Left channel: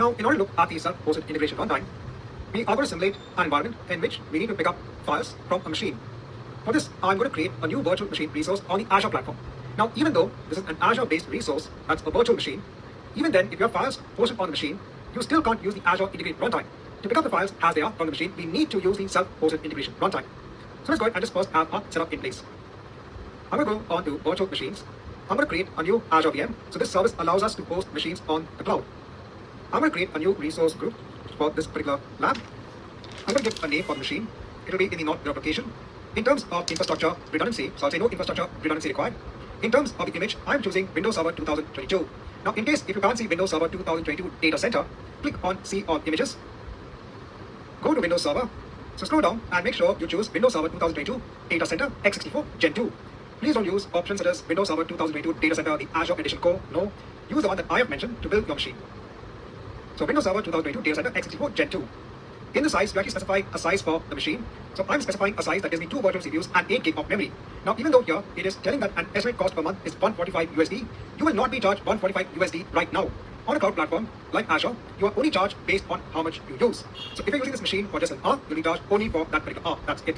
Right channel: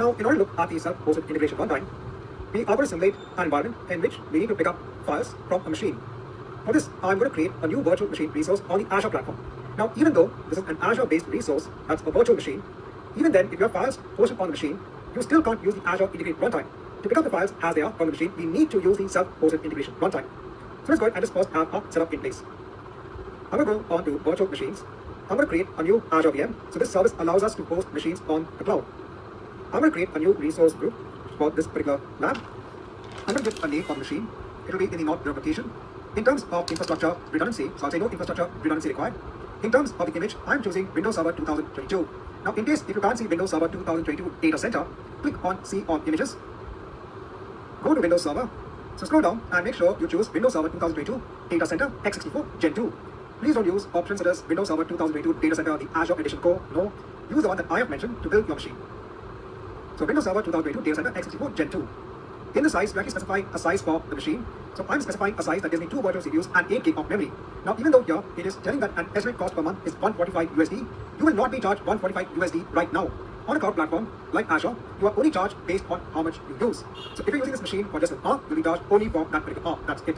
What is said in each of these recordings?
Now, in order to look at the self-hosted integration runtime, we are going to simulate an environment in which we need to pick up files from a machine. For this, I'm going to create a new virtual machine resource on the Azure platform. Now, even though this is an Azure-based resource, that's a virtual machine, even then, if you have files hosted on the machine, you still can't use the Azure integrated runtime. To pick up the files as they are from the machine, we need to use the self-hosted integration runtime. So let's go ahead and just first have our setup in place. I'm going to go on to virtual machines. I'm going to create a new Azure VM. So this service allows us to host machines on the cloud. I'm going to create a new resource group for this particular lab. I'm going to give a name for the machine. It will be in the node application. In terms of infrastructure redundancy, so I'll say no infrastructure redundancy required. In terms of the image, I'm choosing Windows Server 2022. Now, in case if you can't see Windows Server 2022 data center, click on See All Images. Go to Windows Server. So scroll down and make sure you choose Windows Server 2022 Data Center x64 Gen 2. Please don't use options such as Windows Server 2022 Data Center, the Azure Edition Core. No, use the one that I have mentioned to build your machine. So Windows Server 2022 Data Center x64 Gen 2. In the size, you actually specify a size for the machine. So I'm specifying a size that gives me 2 virtual CPUs and 8 GB of memory. Now, even though here it is telling that an estimated cost per month is 145 USD, you will not be charged 145 USD right now. On a cloud platform like Azure, you are only charged based on how much you use. So if you're using this machine for just an hour, you'll be charged only for that particular hour. That's it.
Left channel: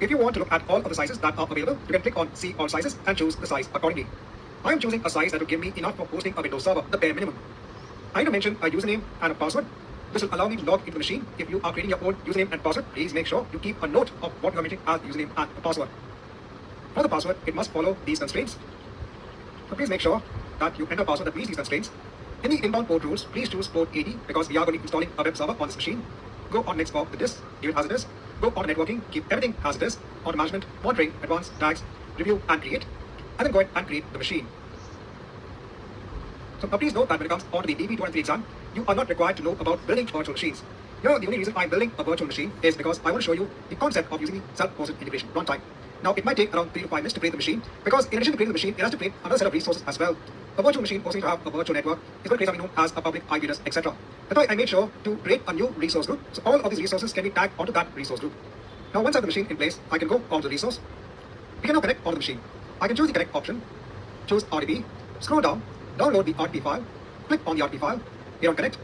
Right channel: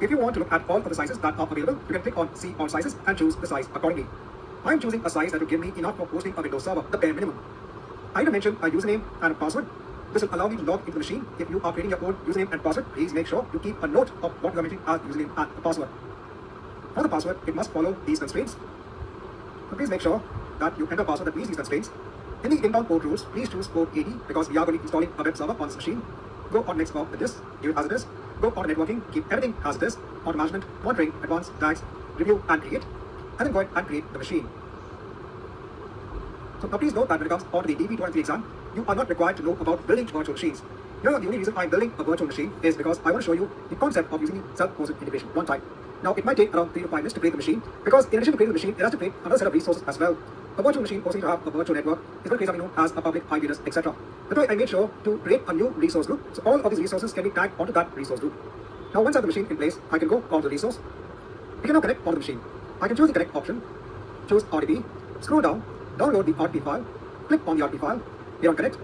If you want to look at all of the sizes that are available, you can click on See All Sizes and choose the size accordingly. I am choosing a size that will give me enough for hosting a Windows server, the bare minimum. I need to mention a username and a password. This will allow me to log into the machine. If you are creating your own username and password, please make sure you keep a note of what you are mentioning as username and password. For the password, it must follow these constraints. So please make sure that you enter a password that meets these constraints. In the inbound port rules, please choose port 80 because we are going to be installing a web server on this machine. Go on next for the disk, leave it as it is. Go on to networking, keep everything as it is. On to management, monitoring, advanced, tags, review and create. And then go ahead and create the machine. So now please note that when it comes onto the DP23 exam, you are not required to know about building virtual machines. Here, the only reason I'm building a virtual machine is because I want to show you the concept of using the self-hosted integration runtime. Now, it might take around 3 to 5 minutes to create the machine because in addition to creating the machine, it has to create another set of resources as well. A virtual machine forcing to have a virtual network is going to create something known as a public IP address, etc. That's why I made sure to create a new resource group. So all of these resources can be tagged onto that resource group. Now, once I have the machine in place, I can go onto the resource. We can now connect onto the machine. I can choose the connect option, choose RDP, scroll down, download the RDP file, click on the RDP file, here on connect.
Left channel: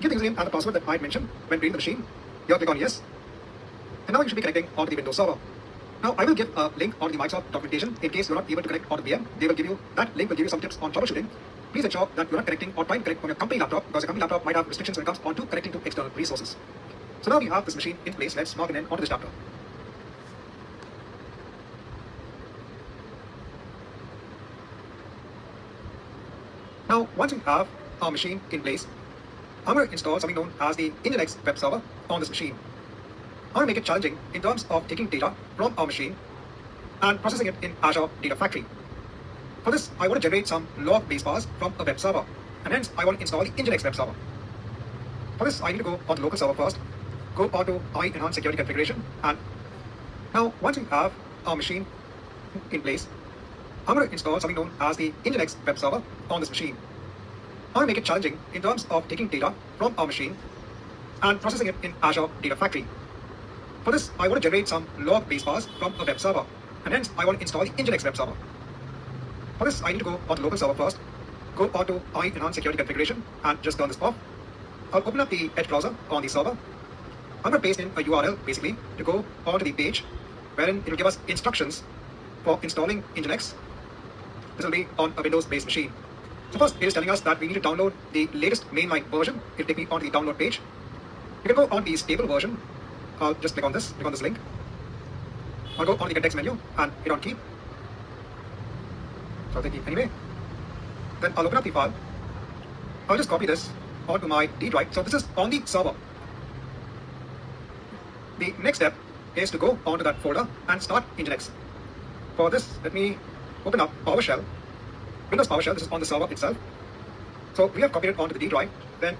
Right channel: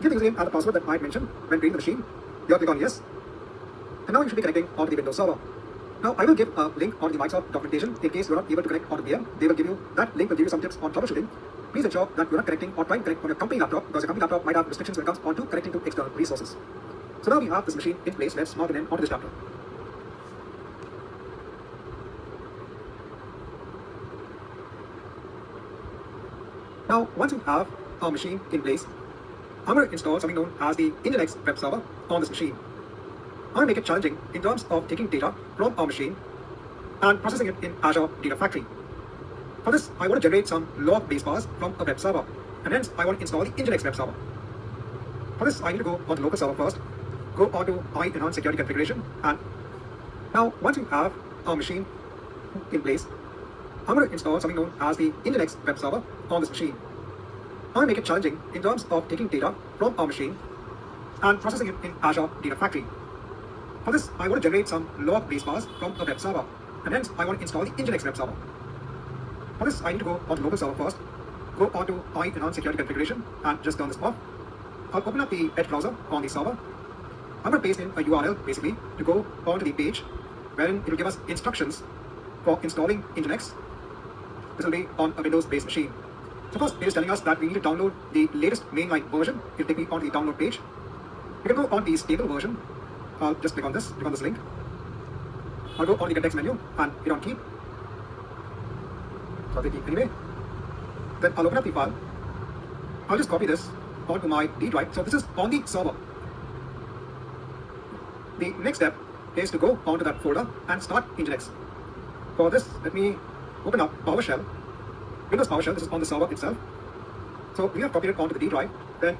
Give the username and the password that I mentioned when creating the machine. Here, click on yes. And now you should be connecting onto the Windows server. Now, I will give a link onto the Microsoft documentation in case you're not able to connect onto the VM. They will give you, that link will give you some tips on troubleshooting. Please ensure that you're not connecting or trying to connect on your company laptop because your company laptop might have restrictions when it comes onto connecting to external resources. So now we have this machine in place. Let's mark it in onto this chapter. Now, once you have our machine in place, I'm going to install something known as the Nginx web server on this machine. I'm going to make it challenging in terms of taking data from our machine and processing it in Azure Data Factory. For this, I want to generate some log base bars from a web server, and hence I want to install the Nginx web server. For this, I need to go on the local server first, go on to my enhanced security configuration, and now once we have our machine in place, I'm going to install something known as the Nginx web server on this machine. I want to make it challenging in terms of taking data from our machine and processing it in Azure Data Factory. For this, I want to generate some log base bars from a web server, and hence I want to install the Nginx web server. For this, I need to go on the local server first, go on to my enhanced security configuration, and just turn this off. I'll open up the Edge browser on the server. I'm going to paste in a URL basically to go onto the page wherein it will give us instructions for installing Nginx. This will be on a Windows-based machine. So first, it is telling us that we need to download the latest mainline version. It will take me onto the download page. You can go on the stable version. I'll just click on this link. I'll go on the context menu and hit on keep. So I'll take keep anyway. Then I'll open up the file. I'll just copy this onto my D drive. So this is on the server. The next step is to go onto that folder and start Nginx. For this, let me open up PowerShell. Windows PowerShell, this is on the server itself. So we have copied it onto the D drive. Then